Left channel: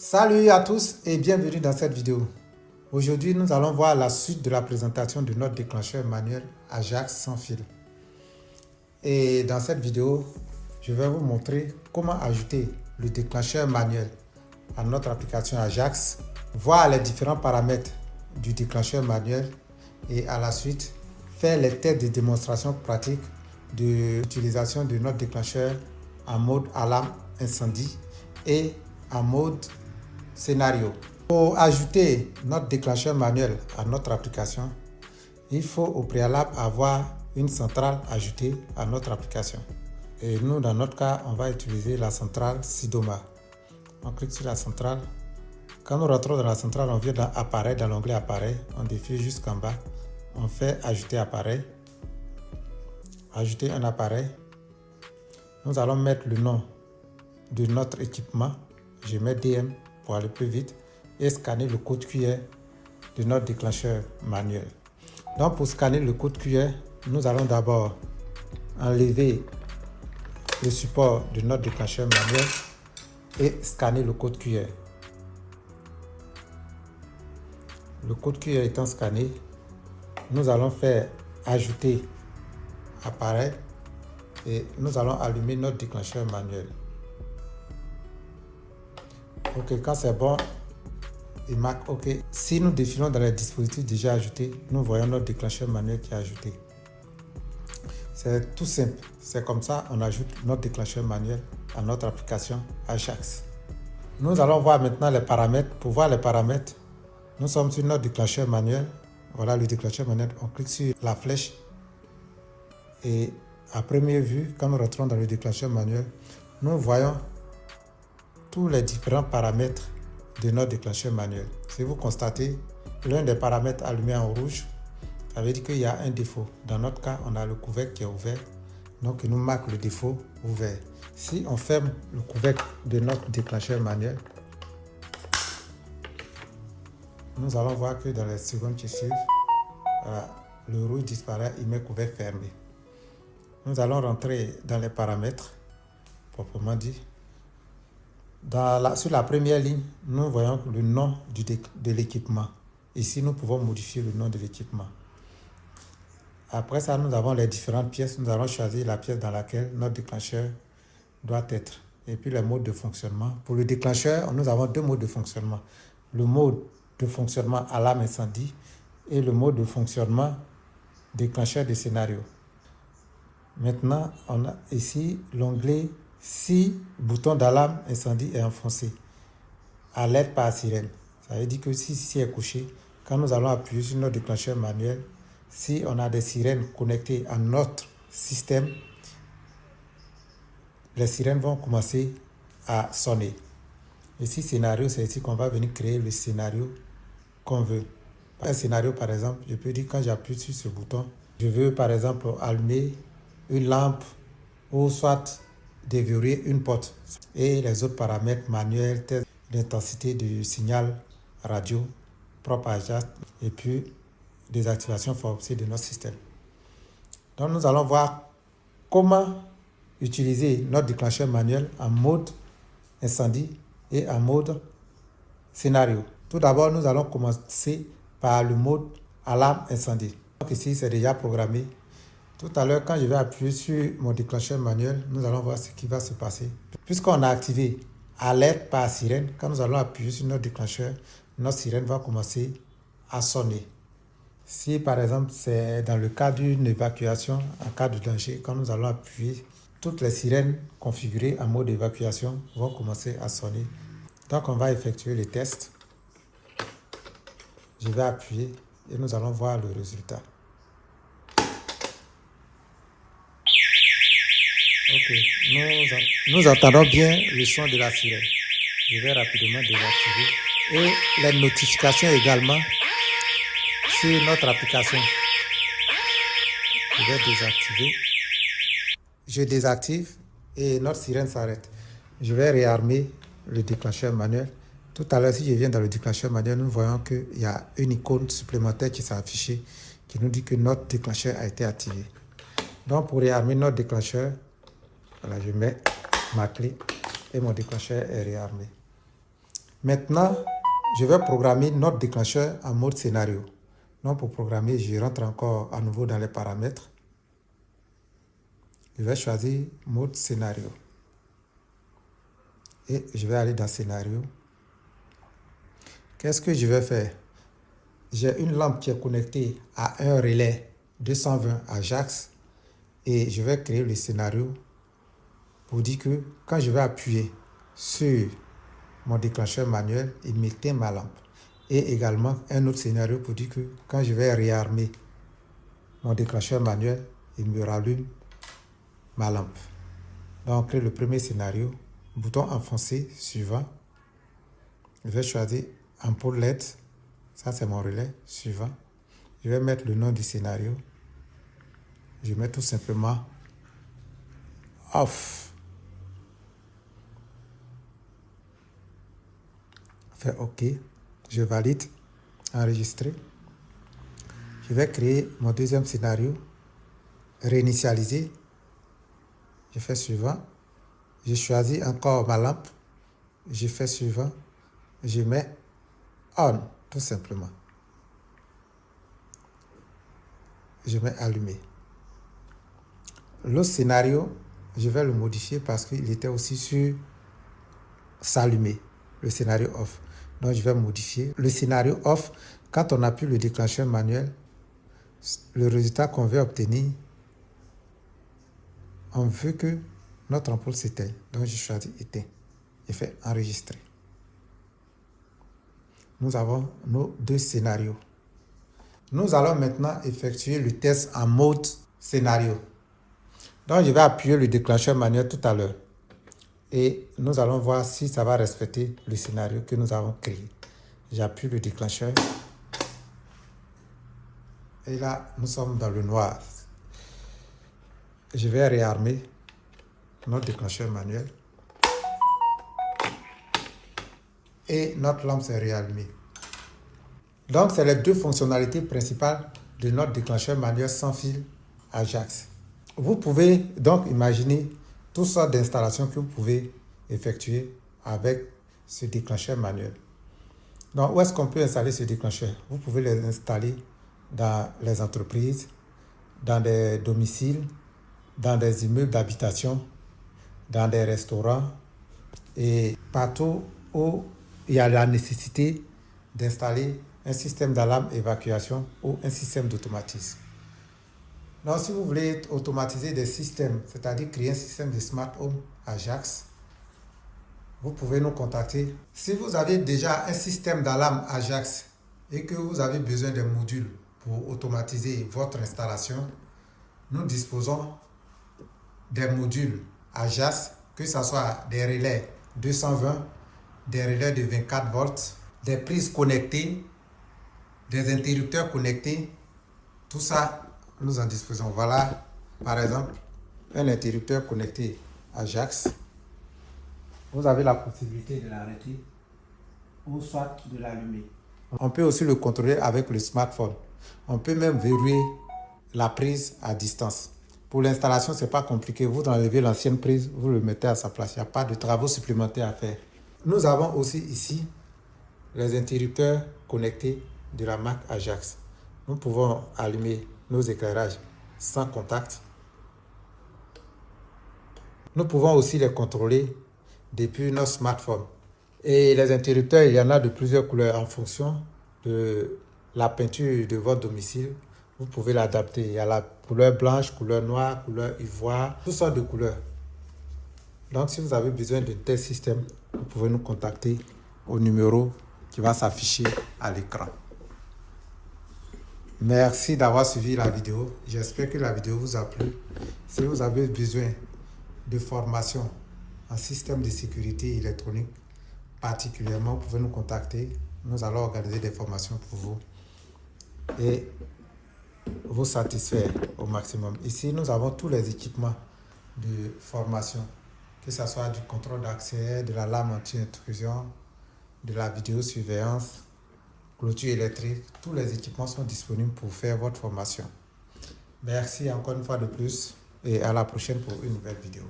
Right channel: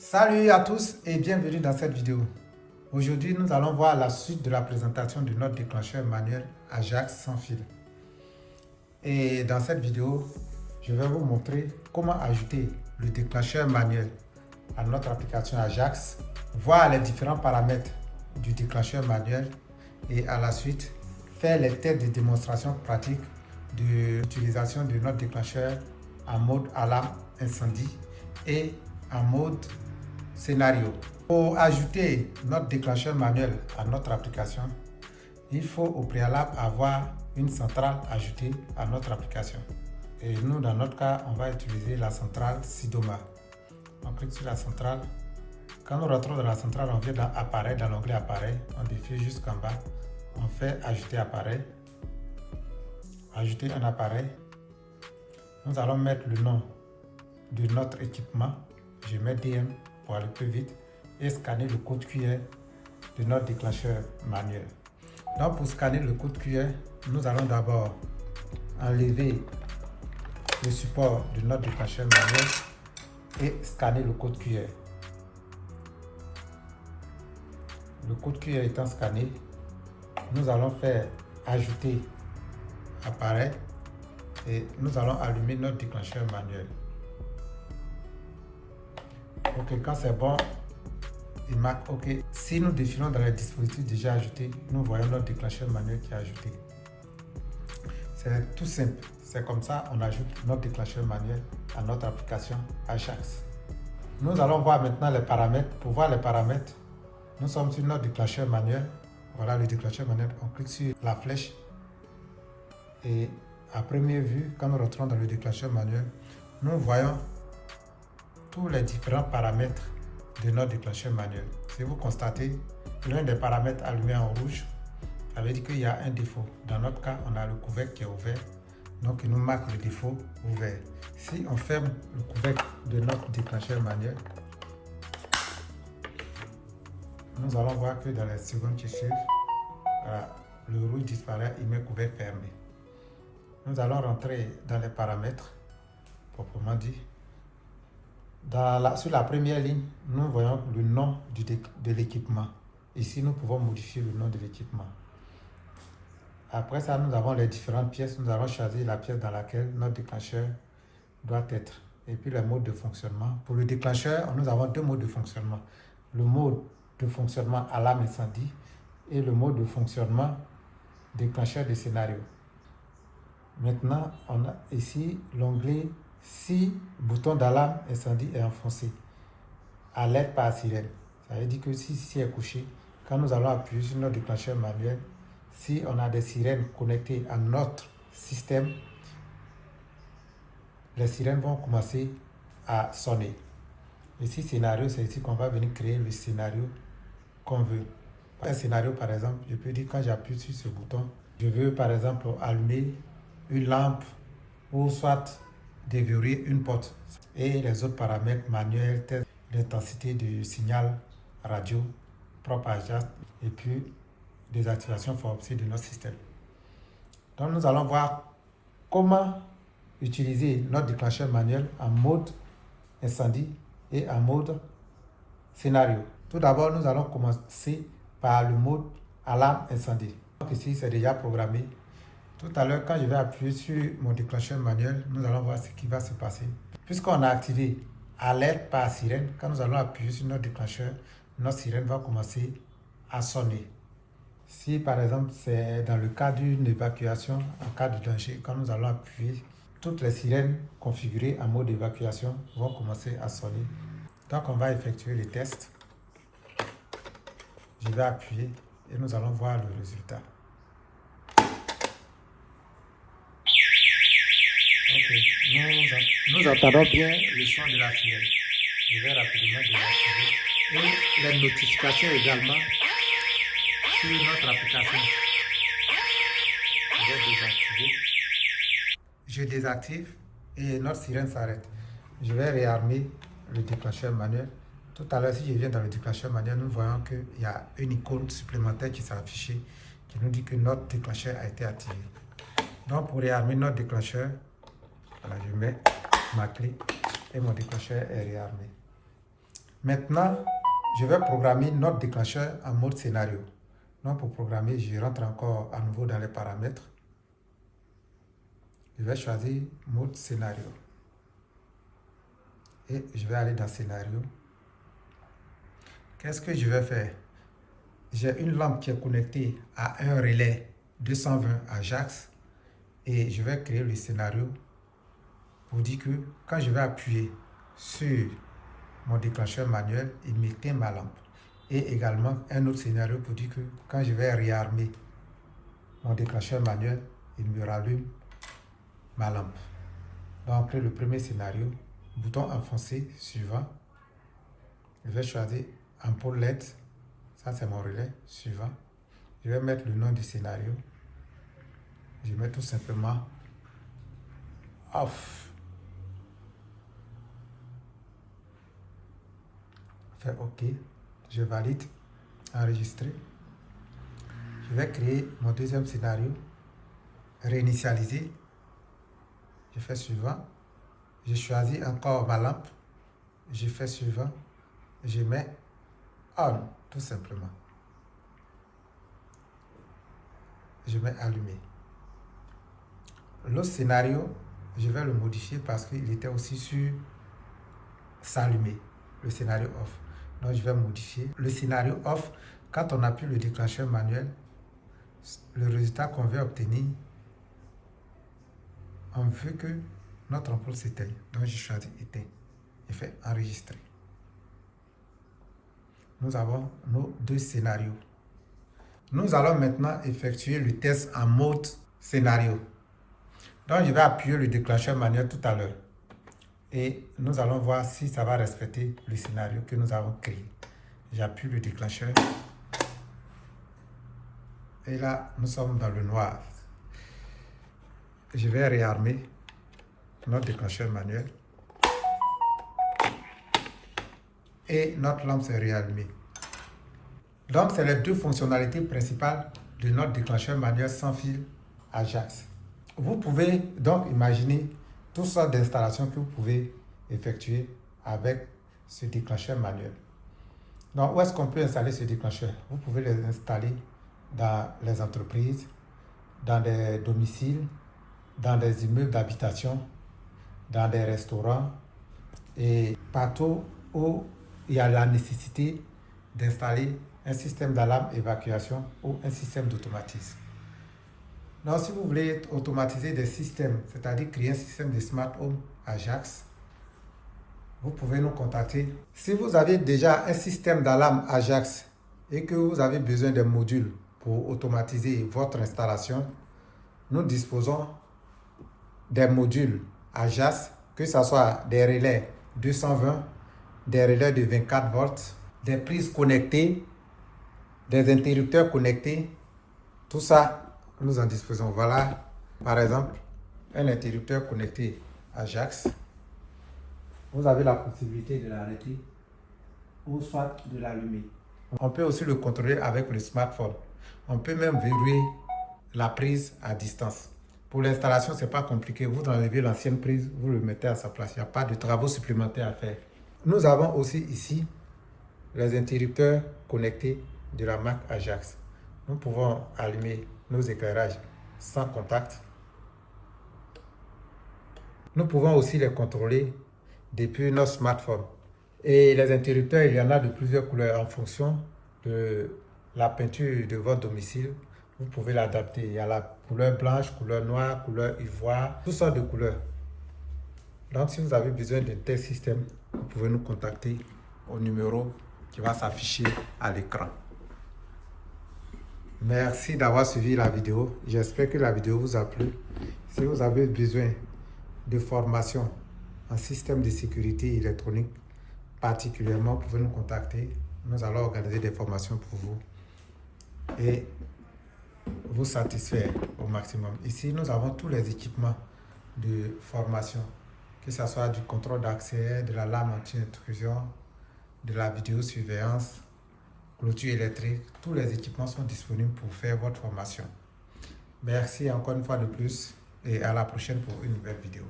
Salut à tous et bienvenue dans cette vidéo. Aujourd'hui, nous allons voir la suite de la présentation de notre déclencheur manuel Ajax sans fil. Et dans cette vidéo, je vais vous montrer comment ajouter le déclencheur manuel à notre application Ajax, voir les différents paramètres du déclencheur manuel et à la suite, faire les tests de démonstration pratique de l'utilisation de notre déclencheur en mode alarme incendie et en mode scénario. Pour ajouter notre déclencheur manuel à notre application, il faut au préalable avoir une centrale ajoutée à notre application. Et nous, dans notre cas, on va utiliser la centrale Sidoma. On clique sur la centrale. Quand nous rentrons dans la centrale, on vient dans Appareil, dans l'onglet Appareil, on défile jusqu'en bas. On fait Ajouter appareil. Ajouter un appareil. Nous allons mettre le nom de notre équipement. Je mets DM pour aller plus vite et scanner le code QR de notre déclencheur manuel. Donc pour scanner le code QR, nous allons d'abord enlever le support de notre déclencheur manuel et scanner le code QR. Le code QR étant scanné, nous allons faire ajouter appareil et nous allons allumer notre déclencheur manuel. Ok, quand c'est bon, il marque OK. Si nous défilons dans les dispositifs déjà ajoutés, nous voyons notre déclencheur manuel qui est ajouté. C'est tout simple. C'est comme ça on ajoute notre déclencheur manuel à notre application Ajax. Nous allons voir maintenant les paramètres. Pour voir les paramètres, nous sommes sur notre déclencheur manuel. Voilà le déclencheur manuel. On clique sur la flèche et à première vue, quand nous rentrons dans le déclencheur manuel, nous voyons tous les différents paramètres de notre déclencheur manuel. Si vous constatez, l'un des paramètres allumé en rouge, ça veut dire qu'il y a un défaut. Dans notre cas, on a le couvercle qui est ouvert, donc il nous marque le défaut ouvert. Si on ferme le couvercle de notre déclencheur manuel, nous allons voir que dans les secondes qui suivent, le rouge disparaît, il met couvercle fermé. Nous allons rentrer dans les paramètres, proprement dit. Sur la première ligne, nous voyons le nom de l'équipement. Ici, nous pouvons modifier le nom de l'équipement. Après ça, nous avons les différentes pièces. Nous allons choisir la pièce dans laquelle notre déclencheur doit être. Et puis les modes de fonctionnement. Pour le déclencheur, nous avons deux modes de fonctionnement. Le mode de fonctionnement alarme incendie et le mode de fonctionnement déclencheur de scénario. Maintenant, on a ici l'onglet si bouton d'alarme incendie est enfoncé. Alerte par sirène. Ça veut dire que si ici est couché, quand nous allons appuyer sur notre déclencheur manuel, si on a des sirènes connectées à notre système, les sirènes vont commencer à sonner. Ici, scénario, c'est ici qu'on va venir créer le scénario qu'on veut. Un scénario, par exemple, je peux dire quand j'appuie sur ce bouton, je veux par exemple allumer une lampe ou soit déverrouiller une porte et les autres paramètres manuels tels l'intensité du signal radio propre à Ajax et puis des activations forcées de notre système. Donc nous allons voir comment utiliser notre déclencheur manuel en mode incendie et en mode scénario. Tout d'abord, nous allons commencer par le mode alarme incendie. Donc ici, c'est déjà programmé. Tout à l'heure, quand je vais appuyer sur mon déclencheur manuel, nous allons voir ce qui va se passer. Puisqu'on a activé alerte par sirène, quand nous allons appuyer sur notre déclencheur, notre sirène va commencer à sonner. Si par exemple c'est dans le cas d'une évacuation, en cas de danger, quand nous allons appuyer, toutes les sirènes configurées en mode évacuation vont commencer à sonner. Donc on va effectuer les tests. Je vais appuyer et nous allons voir le résultat. Ok, nous entendons bien le son de la sirène. Je vais rapidement désactiver. Et les notifications également sur notre application. Je vais désactiver. Je désactive et notre sirène s'arrête. Je vais réarmer le déclencheur manuel. Tout à l'heure, si je viens dans le déclencheur manuel, nous voyons qu'il y a une icône supplémentaire qui s'est affichée qui nous dit que notre déclencheur a été activé. Donc pour réarmer notre déclencheur, voilà, je mets ma clé et mon déclencheur est réarmé. Maintenant, je vais programmer notre déclencheur en mode scénario. Donc pour programmer, je rentre encore à nouveau dans les paramètres. Je vais choisir mode scénario. Et je vais aller dans scénario. Qu'est-ce que je vais faire? J'ai une lampe qui est connectée à un relais 220 Ajax. Et je vais créer le scénario pour dire que quand je vais appuyer sur mon déclencheur manuel, il m'éteint ma lampe. Et également un autre scénario pour dire que quand je vais réarmer mon déclencheur manuel, il me rallume ma lampe. Donc le premier scénario, bouton enfoncé, suivant. Je vais choisir ampoule LED, ça c'est mon relais, suivant. Je vais mettre le nom du scénario. Je mets tout simplement off. Fais OK. Je valide. Enregistrer. Je vais créer mon deuxième scénario. Réinitialiser. Je fais suivant. Je choisis encore ma lampe. Je fais suivant. Je mets on, tout simplement. Je mets allumé. L'autre scénario, je vais le modifier parce qu'il était aussi sur s'allumer, le scénario off. Donc je vais modifier le scénario off. Quand on appuie le déclencheur manuel, le résultat qu'on veut obtenir, on veut que notre ampoule s'éteigne. Donc je choisis éteint et fais enregistrer. Nous avons nos deux scénarios. Nous allons maintenant effectuer le test en mode scénario. Donc je vais appuyer le déclencheur manuel tout à l'heure. Et nous allons voir si ça va respecter le scénario que nous avons créé. J'appuie le déclencheur. Et là, nous sommes dans le noir. Je vais réarmer notre déclencheur manuel. Et notre lampe s'est réallumée. Donc, c'est les deux fonctionnalités principales de notre déclencheur manuel sans fil Ajax. Vous pouvez donc imaginer toutes sortes d'installations que vous pouvez effectuer avec ce déclencheur manuel. Donc, où est-ce qu'on peut installer ce déclencheur? Vous pouvez les installer dans les entreprises, dans des domiciles, dans des immeubles d'habitation, dans des restaurants et partout où il y a la nécessité d'installer un système d'alarme évacuation ou un système d'automatisme. Donc, si vous voulez automatiser des systèmes, c'est-à-dire créer un système de Smart Home Ajax, vous pouvez nous contacter. Si vous avez déjà un système d'alarme Ajax et que vous avez besoin d'un module pour automatiser votre installation, nous disposons des modules Ajax, que ce soit des relais 220, des relais de 24 volts, des prises connectées, des interrupteurs connectés. Tout ça, nous en disposons. Voilà, par exemple, un interrupteur connecté Ajax. Vous avez la possibilité de l'arrêter ou soit de l'allumer. On peut aussi le contrôler avec le smartphone. On peut même verrouiller la prise à distance. Pour l'installation, ce n'est pas compliqué. Vous enlevez l'ancienne prise, vous le mettez à sa place. Il n'y a pas de travaux supplémentaires à faire. Nous avons aussi ici les interrupteurs connectés de la marque Ajax. Nous pouvons allumer nos éclairages sans contact. Nous pouvons aussi les contrôler depuis notre smartphone. Et les interrupteurs, il y en a de plusieurs couleurs en fonction de la peinture de votre domicile. Vous pouvez l'adapter. Il y a la couleur blanche, couleur noire, couleur ivoire, toutes sortes de couleurs. Donc, si vous avez besoin d'un tel système, vous pouvez nous contacter au numéro qui va s'afficher à l'écran. Merci d'avoir suivi la vidéo. J'espère que la vidéo vous a plu. Si vous avez besoin de formation en système de sécurité électronique, particulièrement, vous pouvez nous contacter. Nous allons organiser des formations pour vous et vous satisfaire au maximum. Ici, nous avons tous les équipements de formation, que ce soit du contrôle d'accès, de l'alarme anti-intrusion, de la vidéosurveillance, clôture électrique. Tous les équipements sont disponibles pour faire votre formation. Merci encore une fois de plus et à la prochaine pour une nouvelle vidéo.